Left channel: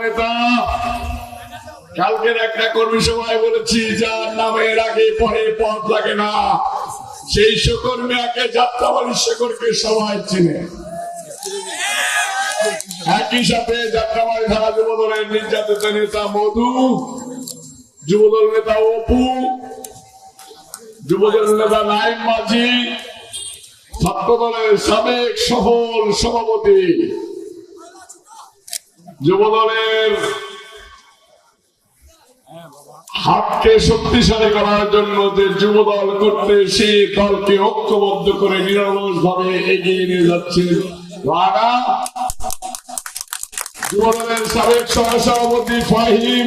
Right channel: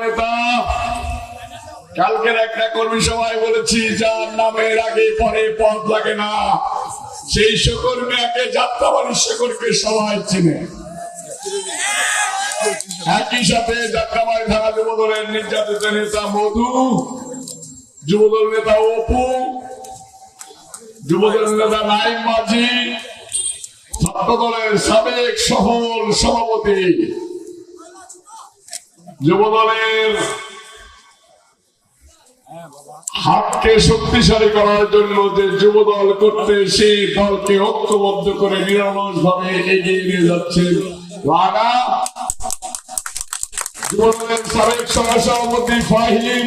নেতা, কালকের একটা কর্মী সভায় বলেছি, যার আগে পরে পথ লাগে না। সেই চিনে। একই সাথে যুবদলের নির্যাতিত নেতা মধু, যুবদল নেতা অপু, যুবদল নেতা নাইম মাঝি ছাত্র দলের সাবেক সফল সভাপতি, যুবদলের হাতকে শক্তিশালী করার জন্য যে যুবদল করতে সেই দলকে ঐক্যবদ্ধ করে নিরলস ভাবে এগিয়ে নিয়ে যাচ্ছে রানা। যুবদলের সাবেক সহসভাপতি ফাহিম।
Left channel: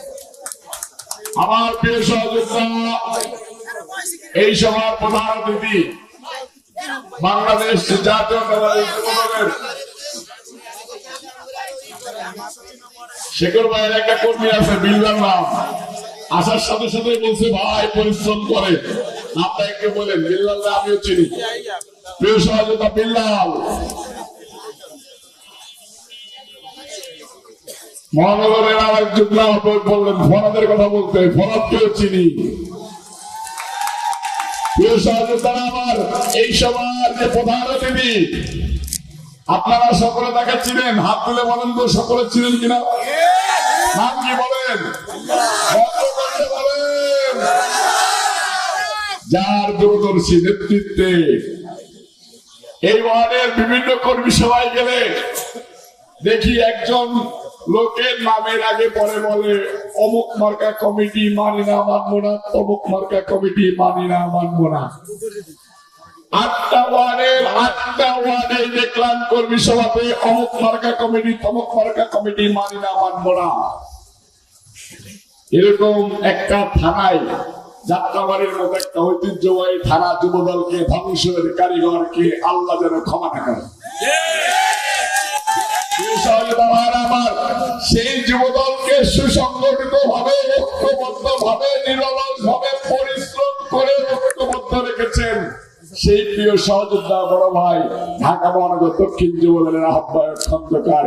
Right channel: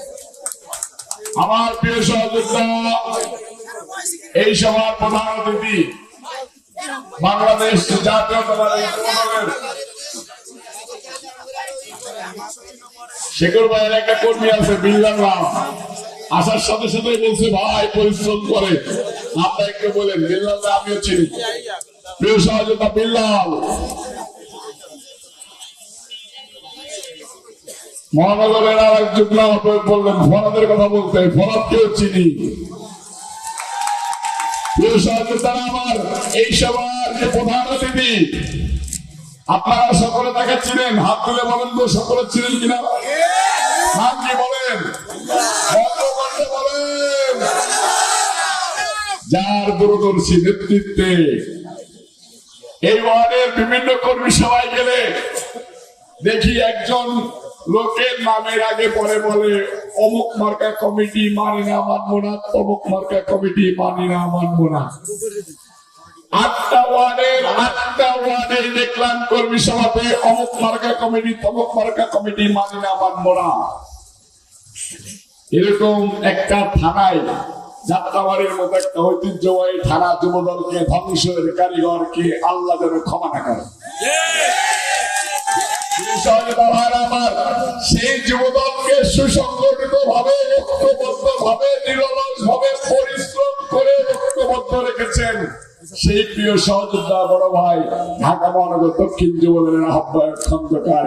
আমার প্রিয় সহযোদ্ধা, এই সভার প্রধান অতিথি, বাংলাদেশ যুবদলের শেখর ভাইয়ের একটা কর্মী আছে, বিল্লাল রাম। আসার সাথে সাথে বলছে, ভাই, পরিশ্রম করে। আপনাকে বলেন বিল্লাল আমিও চিনি। প্রিয় সহযোদ্ধা, বিল্লাল মহানগরের আর একজন বললেন, ফরাদের কথা বলতে, ফরাদকেও চিনি। আমার, এই প্রধান অতিথি, আপনারা সকলে দেখাচ্ছিলেন হাত তুলে বলেন তো সকলে কিনা? নাম কি বলেন? যার দূরদর্শী নেতৃত্বে এই ওয়ার্ডের বিভিন্ন কর্মী সভায় গেলে দেখি একজন লোকের নামের আগে পরে বলে, অমুক মার্কা কমিটি মানি না, মানবো না। অমুক মার্কা কমিটি মানি না, মানবো না। এরকম একটা থানায়, যাত্রাবাড়ির মতো একটা ঐতিহ্যবাহী থানা যুবদলকে ধ্বংসের কারিগরকে আল্লাহ যেন ক্ষমা না করে আমার, সেই যুবদলকে সুসংগঠিত ভাবে ঐক্যবদ্ধ ভাবে নিরলস ভাবে পরিশ্রম করে ঐক্যবদ্ধ রেখেছেন সেই প্রিয় সহযোদ্ধা বড় ভাই ঢাকা মহানগর দক্ষিণ যুবদলের আহ্বায়ক খন্দকার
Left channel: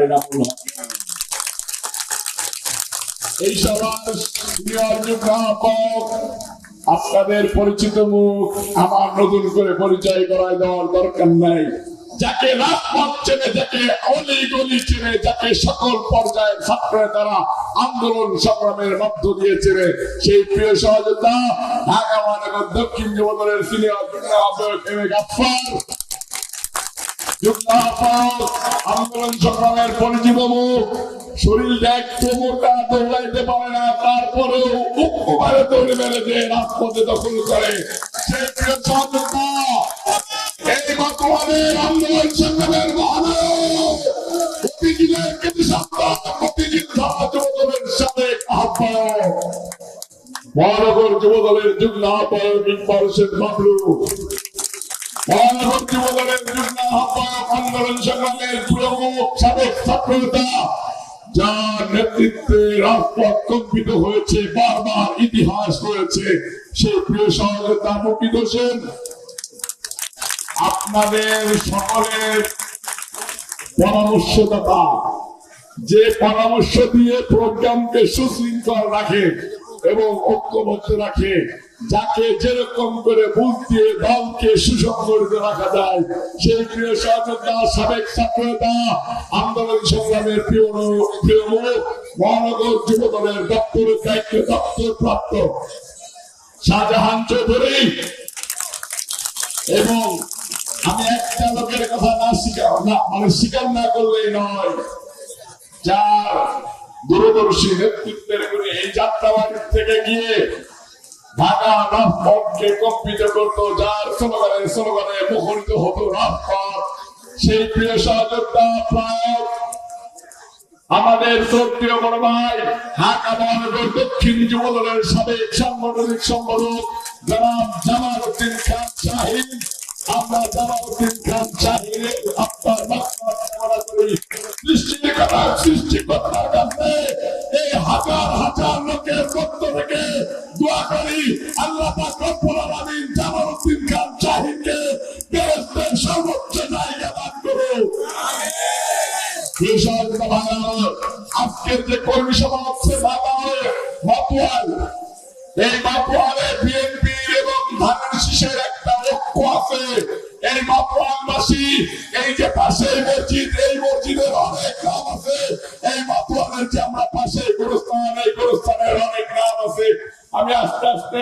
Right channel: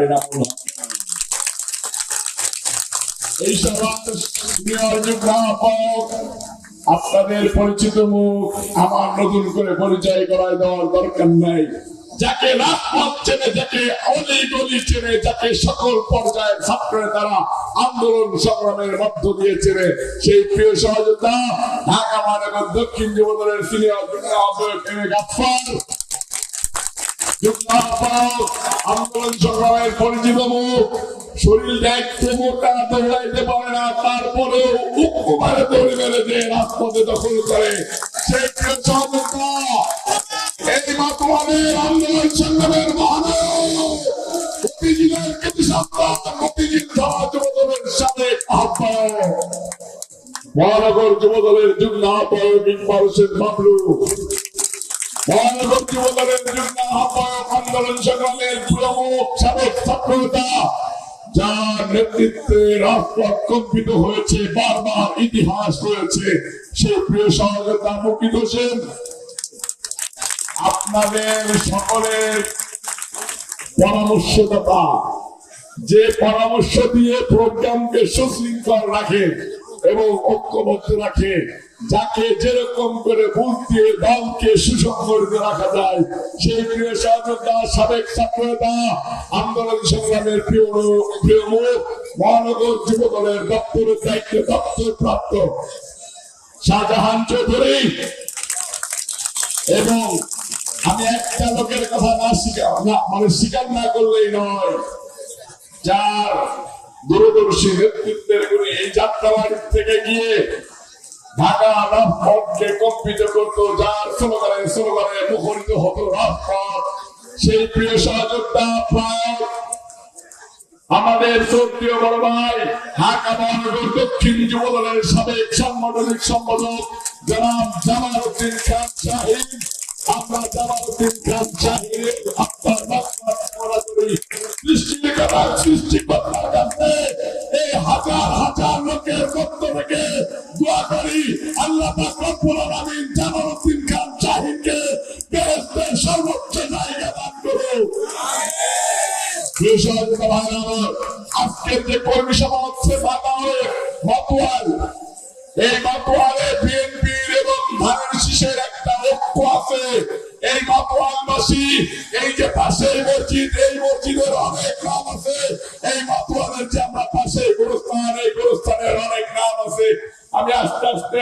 এই আপনাদের পরিচিত মুখ আমার নতুন করে পরিচয় করায় দেওয়ার দরকার নাই। যাকে রাজপথ চেনে যাকে অলি গলি চেনে যাকে সকল পর্যায়ের ছাত্ররা তারা আন্দোলন সংগ্রামের মধ্য দিয়ে চেনে সেই প্রিয় সহযোদ্ধা, ঢাকা মহানগর দক্ষিণ যুবদলের সিনিয়র যুগ্ম আহ্বায়ক এম এ গাফফার আন্দোলন সংগ্রামের পরিচিত মুখ শরীর একটু মোটা দৌড়াইতে পারে না, তারপরেও উক্তভাবে দৌড়ে মেরে রাজপথে দখল করে সেই প্রিয় এই বর্তমানে আন্দোলন সংগ্রামের মহানায়ক মুক্তিযুদ্ধের প্রতি সন্তান মুক্তিযোদ্ধা যুবদলের সাবেক আহ্বায়ক মহানগর যুবদলের যুগ্ম আহ্বায়ক ইকবাল হোসেন বাবলু মহানগর যুবদলের যুগ্ম আহ্বায়ক আন্দোলন সংগ্রামের প্রমুখ সাবেক ছাত্রনেতা যার নেতৃত্বে রাজপথ কম্পিত হয়েছে, বারবার ইতিহাস প্রিয় সহযোদ্ধা মুকিত আপনাদের সকলের পরামর্শদাতা, যে পরামর্শ দিয়ে প্রোগ্রামকে সুশৃঙ্খল রাখে এবং ঐক্যবদ্ধ রাখে যাকে যেরকম করে বুঝ দিয়ে দলকে সুসংগঠিত রাখা যায়, সেই প্রিয় সহযোদ্ধা, সাবেক ছাত্রতা আন্দোলন সংগ্রামের প্রিয় প্রিয় মহানগর যুব দলের দপ্তরের দায়িত্বে দপ্তর প্রাপ্ত। শাহজাহান চৌধুরী। এবং আমি একটা লোকের কথা না স্বীকার না মানে স্বীকার না করলেই নয়, যার দূরদর্শী নেতৃত্বের এই যাত্রাবাড়ি থেকে গিয়ে সেই প্রিয় সহযোদ্ধা আমাদের শ্রদ্ধীয় বড় ভাই, ঢাকা মহানগর দক্ষিণ যুবদলের সাবেক সাংগঠনিক সম্পাদক জনাব শাহিদ আমরা জামালউদ্দিন খান শাহিদের আপনার কামনা করি সৃষ্টিকর্তা সৃষ্টিকর্তার কাছে এই হাজার হাজার লোকের মধ্য থেকে দোয়া করি আল্লাহ রব্বুল আলামিন জামালউদ্দিন খান সর্বোচ্চ জায়গা দান করুন আজকের যে কর্মী সভা হচ্ছে হয়ে মাতুয়াল এই মসজিদের অনেক নাম আছে। এই এই গুরুস্থানের অনেক নাম আমি আস্তে আস্তে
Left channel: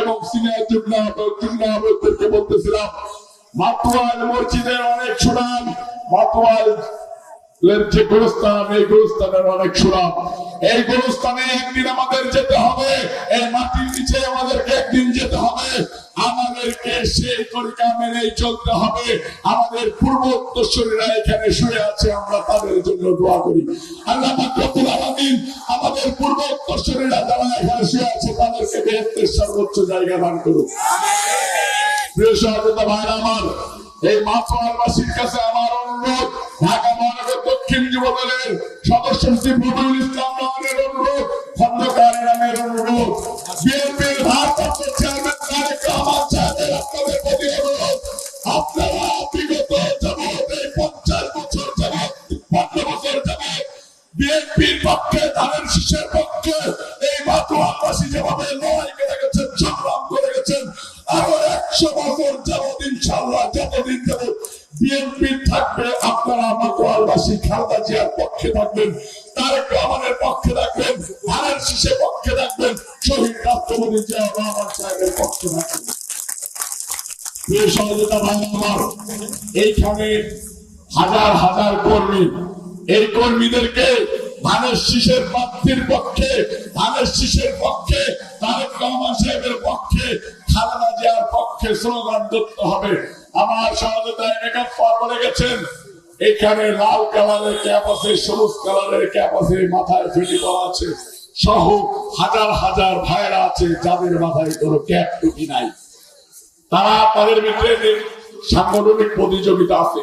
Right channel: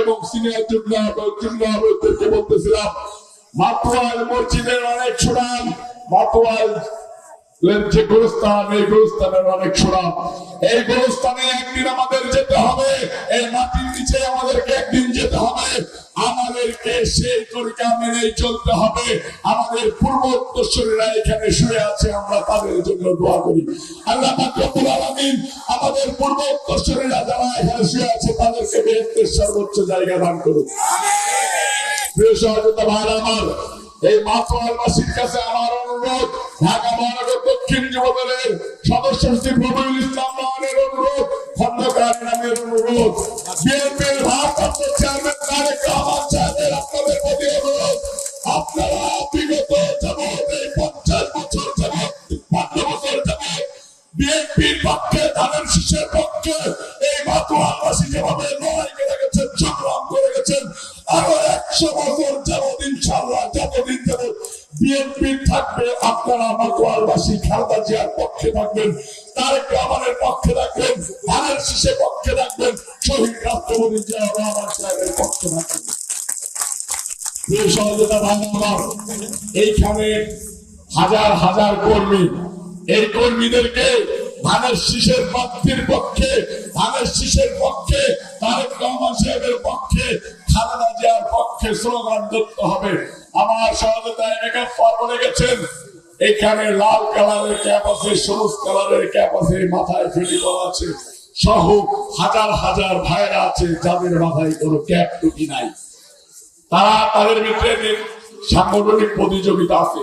এবং সিনিয়র বলতেছিলাম মসজিদের অনেক সুনাম যে গোরস্থান, এই গোরস্থানের অনেক সুরাম এই গোরস্থানে একদিন আমাদের যেতে হবে। এই মাটির নিচে আমাদেরকে একদিন যেতে হবে। আমাদেরকে সেই তরিকা মেনে চলতে হবে। আমাদের পূর্ব উত্তরসূরীরা এখানে শুয়ে আছে, আমরা তাদের জন্য দোয়া করি। আল্লাহ পাক রব্বুল আলামিন আমাদের পূর্ব উত্তরসূরীরা যারা এখানে শুয়ে আছে, তাদেরকে বেহেশতের সর্বোচ্চ জায়গা দান করুন। প্রিয় সহযোগিতা ভাই আমার, এই মাতোয়ারবাসীর কাছে আমার অনুরোধ, ঢাকা মহানগর দক্ষিণ যুব সদস্য সচিব রবিউল ইসলাম অনুরোধ খন্দকার নামের অনুরোধ বিএনপির ভারপ্রাপ্ত চেয়ারম্যান তারেক হাজার কর্মী। এই কর্মীদেরকে ধানের শীষের প্রার্থীর পক্ষে, ধানের শীষের পক্ষে, তারেক রহমান সাহেবের পক্ষে, খালেদা জিয়ার পক্ষে স্লোগান করতে হবে। আমার সহযোগিতায় একাত্তর বলে গেছেন। এখানে লাল কালারের ক্যাপ আছে সবুজ কালারের ক্যাপ আছে মাথায় ফিটি করা আছে। সহ হাজার হাজার ভাইরা আছে যাদের মাথায় কোনো ক্যাপ টুপি নাই। তারা তাদের ভিতরে সাংগঠনিক প্রতিযোগিতা আছে।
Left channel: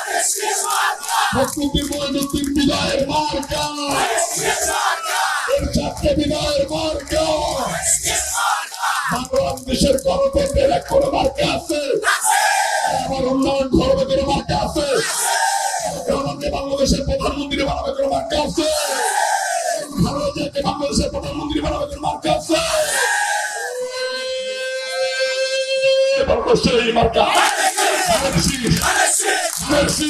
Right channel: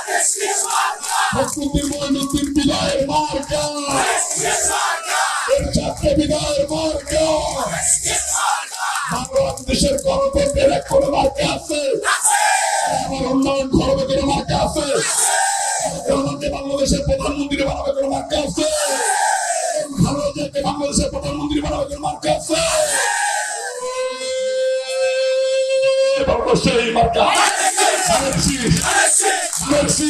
প্রকৃতির মহিনুদ্দিন বিনয়ের মার্কা চারটে বিনয়ের মার্কা বাংলাদেশের গণতন্ত্রের এক করে মার্কা আছে আমার উন্নয়ন ধর্মে কোনো মার্কা আছে বাংলাদেশের প্রধানমন্ত্রী বানাবে কোনো মার্কা আছে ভারতকে বাংলাদেশের প্রধানমন্ত্রী বানাবে কোনো মার্কা আছে অবশ্যই মার্কা আনারসি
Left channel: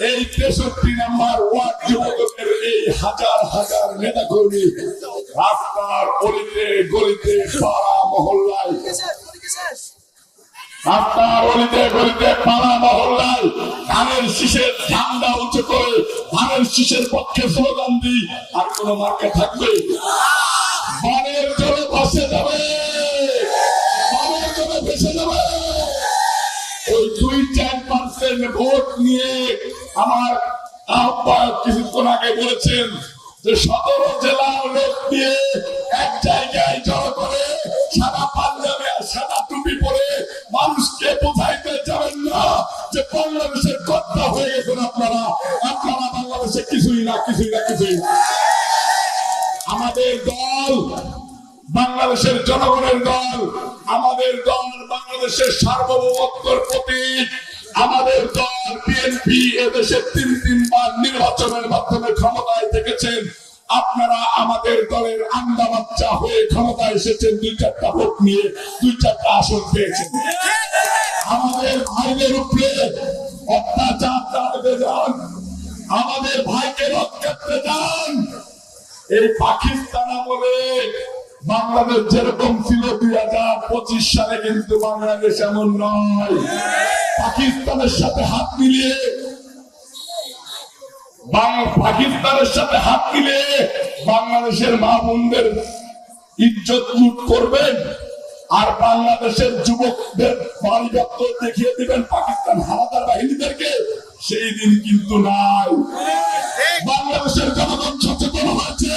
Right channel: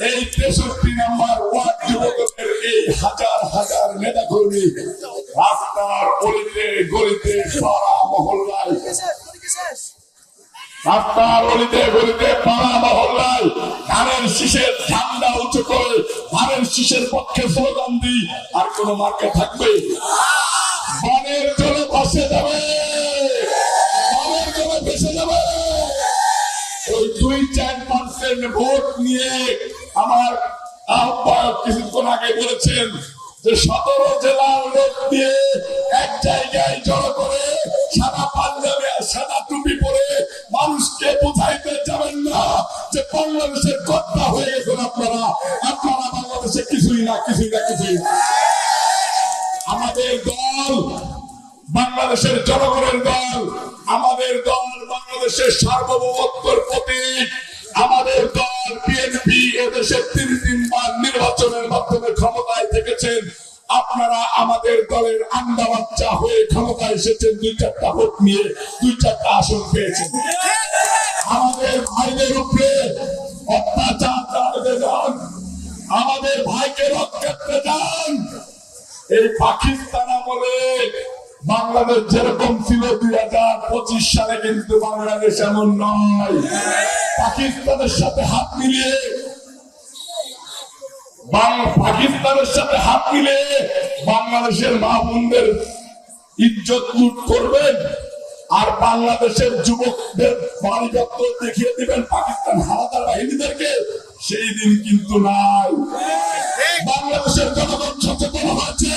এই তেষট্টি নাম্বার ওয়ার্ড যুবকের এই হাজার হাজার নেতা কর্মী রাস্তার গলিতে গলিতে পাড়া মহল্লায় শীষের পক্ষে স্লোগান আর কোন মার্কা থাকবে? বানের জন্য ভাসে যাবে। ভেসে যাবে। ওই দুই চার পার্সেন্ট ভোট নিয়ে আমার আহ্বায়ক কিছুক্ষণ আগে বলেছেন যে সতেরো জেলার লোক নিয়ে এক জায়গায় জড়ো করে সাদা পাঞ্জাবি সাদা টুপি পরে মানুষকে বোঝাইতে যাবেন না যে বাংলাদেশের কর্তা হয়ে গেছেন আপনারা। আপনারা বাংলাদেশে কিছুই না কিছুই না, কিছুই আমাদের দল বাংলাদেশের জনগণের দল, আমাদের দল বাংলাদেশের সার্বভৌমত্বর প্রতীক। আমাদের দল বিএনপি এদেশে তিন তিনবার নির্বাচনের মাধ্যমে ক্ষমতায় থেকেছেন। আপনারা আমাদের দলের আন্দা বাচ্চা হয়ে ক্ষমতায় এসেছেন, দুই চারটা ভোট নিয়ে, দুই চারটা আসন পেয়েছেন। আমাদের ভাইদের উপরে অত্যাচার চালাতে যান। আমাদের ভাইকে রক্ষা করতে যান। এই পাকিস্তান আমলে বাংলাদেশ যেরকম ছিল দুই হাজার পঁচিশ সালে কিন্তু বাংলাদেশ এমন নয়। পাকিস্তানের সাথে হাত মিলিয়ে পাকিস্তানের সাথে হাত মিলিয়ে বাংলাদেশের মা বোনদের ইজ্জত লুট করবেন আর বাংলাদেশের যুবকদের দপ্তর দেখিয়ে দিবেন পাকিস্তান হানাদার বাহিনীদেরকে সেই দিন কিন্তু নাই। বাংলাদেশের জনগণ সচেতন হয়েছে।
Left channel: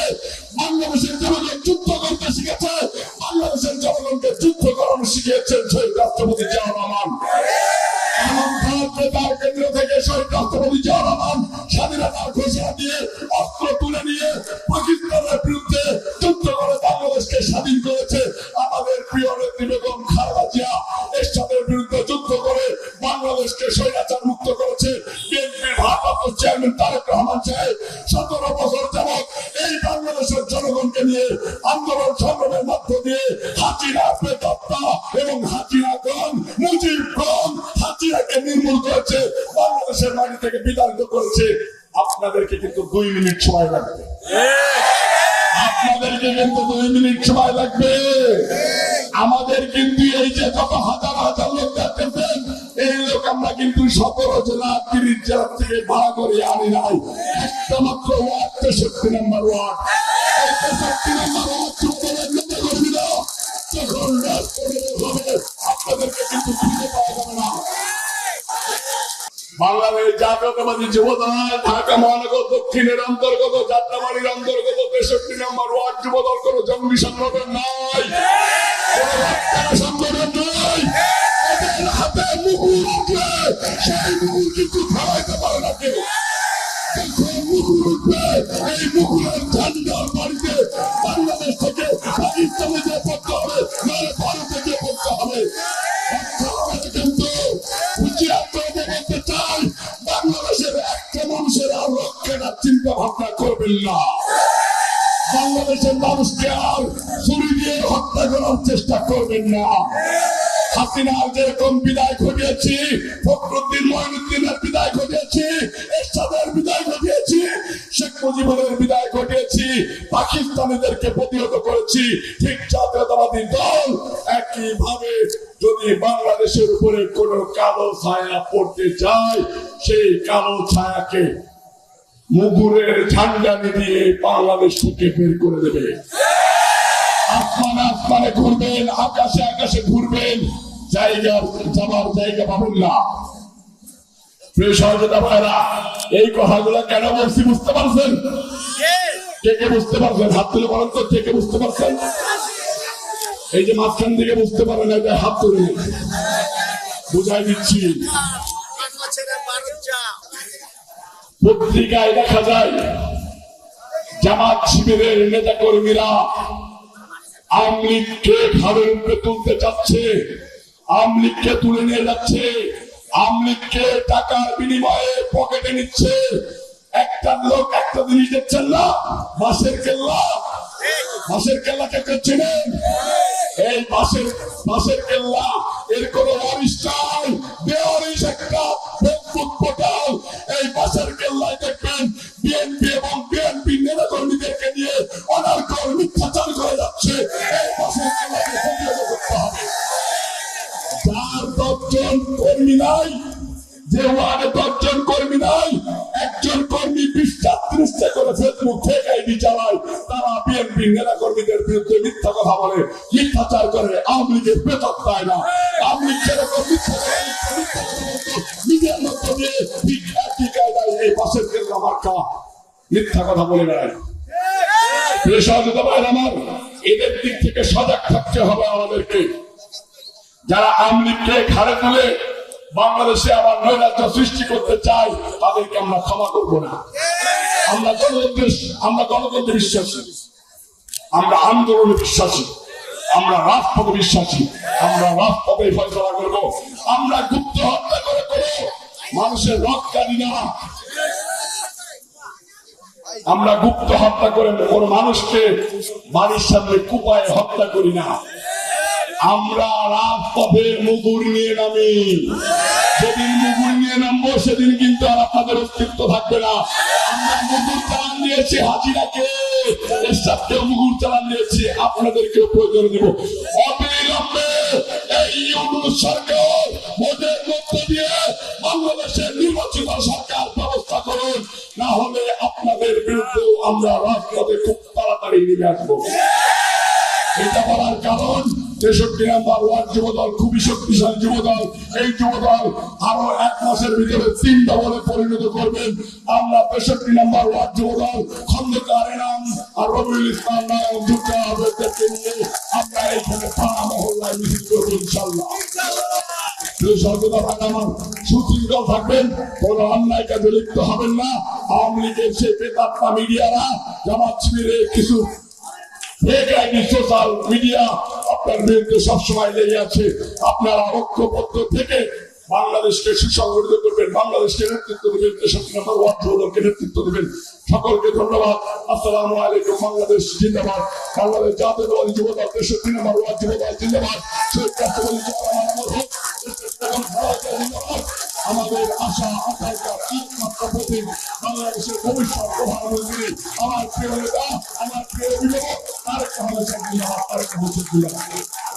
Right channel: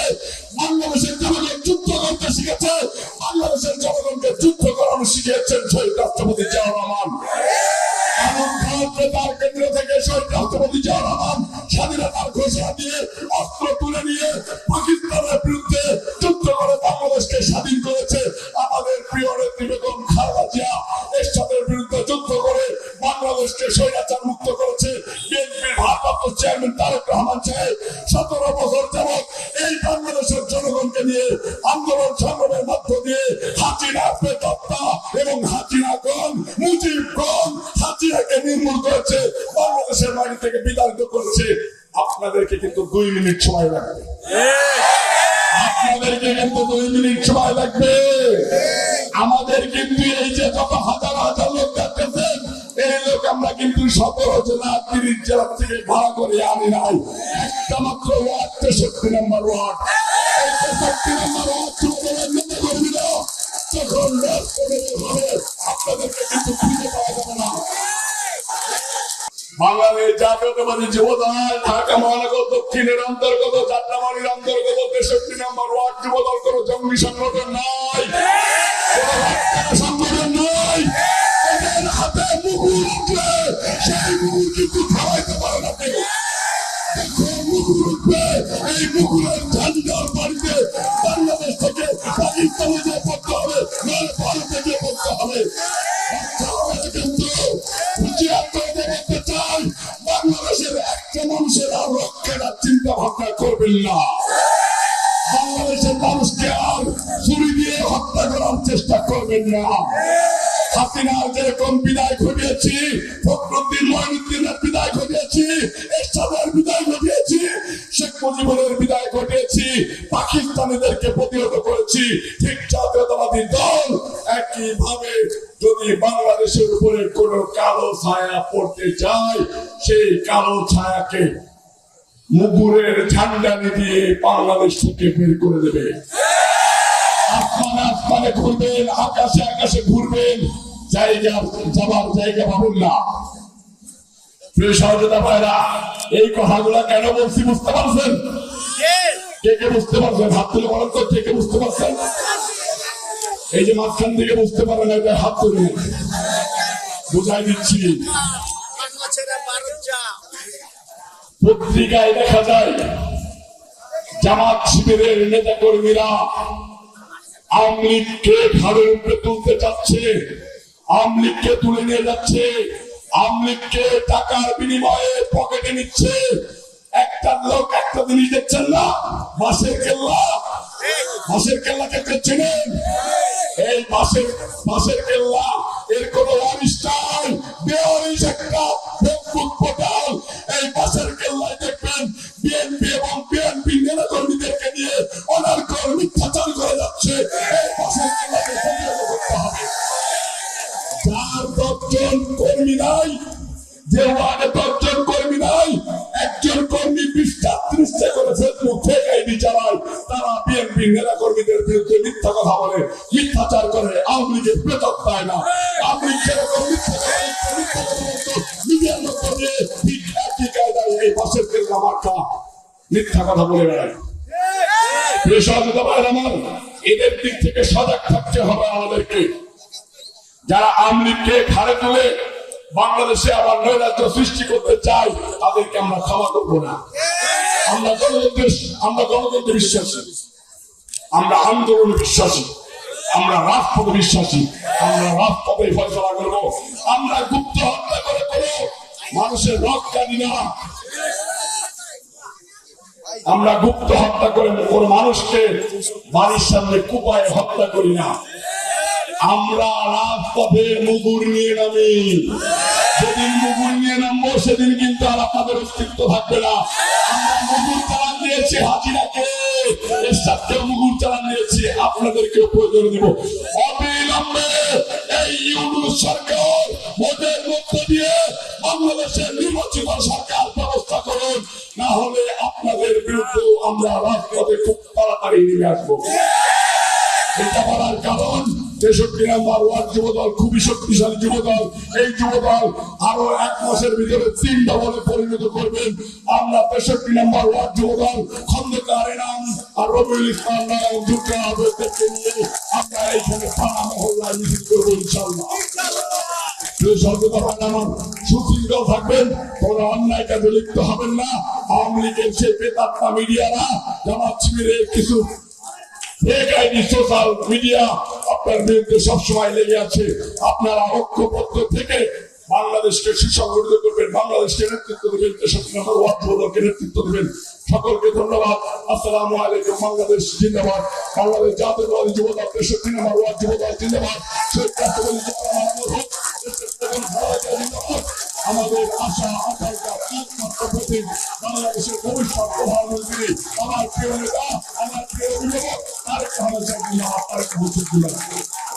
বাংলাদেশের জনগণ যুদ্ধ করতে শিখেছে। বাংলাদেশের জনগণকে যুদ্ধ করানো শিখিয়েছেন শহীদ রাষ্ট্রপতি জিয়াউর রহমান। থেকে স্বাধীনতার দিয়ে তুলে নিয়ে বিরুদ্ধে করে বাংলাদেশকে স্বাধীন করেছে। দুই মিনিট সময় লাগবে। আপনাদেরকে কিন্তু দুই মিনিট সময় লাগবে। আমাদের কিন্তু এই যে যত হাজার হাজার লোক দেখতেছেন এই লোক আমরা কিন্তু সতেরো জেলা, তিরিশ জেলা থেকে ভাড়া করে আনি নাই। একটা মাত্র ওয়ার্ড, তেষট্টি নম্বর ওয়ার্ড। তেষট্টি নম্বর ওয়ার্ড যখন আপনাদেরকে কিন্তু খুঁজে পাওয়া যাবে না। বাংলাদেশ জাতীয়তাবাদী যুবদল, ঢাকা মহানগর দক্ষিণের অন্তর্গত, যাত্রাবাড়ির অন্তর্গত, তেষট্টি নম্বর ওয়ার্ড যুবদল, কোন জঙ্গি সংগঠন নয় সংগঠন নয় হাতে মুগুর উঠলে সেই মুগুর কিন্তু খাওয়াইতে পারে না কেউ। যখন উঠবে। এই মুগুরের ঝান্ডার বাড়িতে বাংলাদেশ থেকে পাকিস্তানে যে পড়তে হবে। ভারতে গিয়ে পড়তে হবে। করবেন বাংলাদেশের মানুষকে আর ছুরি দিয়ে হত্যা করার চেষ্টা করবেন না। হাসিনার যেরকম বিদায় ঘটিয়েছি, ফখরুদ্দিন মহিনুদ্দিনের বিদায় ঘটিয়েছি, এরশাদের বিদায় ঘটিয়েছি, শেখ মুজিবুরের বিদায় ঘটিয়েছি, পাকিস্তানিদেরকে প্রতিহত করেছি। ঠিক জাতীয়তাবাদী দল একইভাবে যদি বাংলাদেশের উপরে কোনো কালো ছায়া পড়তে চায়, সেই কালো ছায়াকে মুগুরের ঝান্ডা নিয়ে বাংলাদেশ থেকে বের করে দেবে। আসমানে আসমানে ঘুরবেন, আকাশে আকাশে ঘুরবেন। জায়গা, যাবার জায়গা পাবেন না। প্রিয় সহযোগিতা ভাইরা, এই কথাগুলো কেন বলছি বুঝতে পারছেন? কে কে বুঝতে পারছেন? হাত তুলে বলেন তো, কে কে বুঝতে পারছেন? এই যে মাঝখান থেকে বুঝতে পারেন, হাত তুলে। বুঝাই দিচ্ছি। পত্রিকায় দেখা যায়, জামাত শিবিরের নেতা কর্মীরা আওয়ামী লীগকে ঘরের উপরে তুলতে চাচ্ছে, আওয়ামী তুলে নিয়ে যাচ্ছে, আওয়ামী টাকার বিনিময়ে পকেটে নিচ্ছে। একটা লোক একটা জিনিস দেখছেন না? বাসের কেল্লা। বাসের কেল্লাকে চেনেন? এই বাসের বাসের কেল্লা। মিথ্যা কথা বলে বেড়ায় এদের দিক থেকে সজাগ থাকতে হবে আমাদেরকে যারা আমলিগকে ঘাড়ে তুলে বাংলাদেশে আবার নৈরাজ্য সৃষ্টি করতে চায় তাদেরকে আমরা ক্ষমা করব না আমরা গণতন্ত্রের আমরা গণতন্ত্রে বিশ্বাসী, আমরা আন্দোলনে বিশ্বাসী, আমরা রাজপথে বিশ্বাসী আমরা রাজপথে ফয়সলা করব, আমরা গুপ্ত হত্যা করে করো মানুষের রক্ত জানি না আমরা গুপ্ত হত্যা করে কোন মানুষকে বাড়ির সামনে কুপায় হত্যা করি না। আমরা রাজপথে মুগুর নিয়ে নামি। যেদিন মুগুর নিয়ে নামবো, সেদিন কিন্তু আর আপনাদের অস্তিত্ব থাকবে না। আমরা মুগুর চালান দিয়েছি হাজিরাকে। এরশাদকেও মুগুর চালান দিয়েছি, আপনাদেরকেও প্রয়োজন দেব। অবিলম্বে এই ইউনুস সরকার দিয়ে বাংলাদেশের নির্বাচিত ব্যবস্থা করুন। না হলে আপনাদের বিরুদ্ধেও আমরা রাজপথে খুব তাড়াতাড়ি নিয়ে আসব। এটা বলার কারণ, তেষট্টি নাম্বার ওয়ার্ড যুবদল, খুবই শক্তিশালী যুবদল। এই যুবদল আরও এক মাসের ভিতরে তিন দলে পরিণত করবেন। আমরা তেষট্টি নাম্বার ওয়ার্ড যুবদল, খন্দকার এনাম আর রবিউল ইসলাম নায়ক দুর্গা আবেদকে নিয়ে আমরা এইখানে থানা মহল্লায় মিছিল করব ইনশাল্লাহ প্রিয় সর্বদা আমার বাংলাদেশকে সুসংগঠিত করবেন, বাংলাদেশকে নেতৃত্ব দেবেন তেষট্টি নম্বর ওয়ার্ড যুবদলকে নেতৃত্ব দেবেন। সকলকে ধন্যবাদ। আসসালামু আলাইকুম, বাংলাদেশ জিন্দাবাদ। বাংলাদেশ জাতীয়তাবাদী যুবদল তেষট্টি নম্বর ওয়ার্ড যুবদল জিন্দাবাদ। এবং ভারতীয় জিন্দাবাদ আমাদের আশা আকাঙ্ক্ষা একমাত্র প্রতীক বাংলাদেশের ভবিষ্যৎ প্রধানমন্ত্রী, আমার প্রিয় নেতা, আমার প্রিয় অভিভাবক তার সাহেব জিন্দাবাদ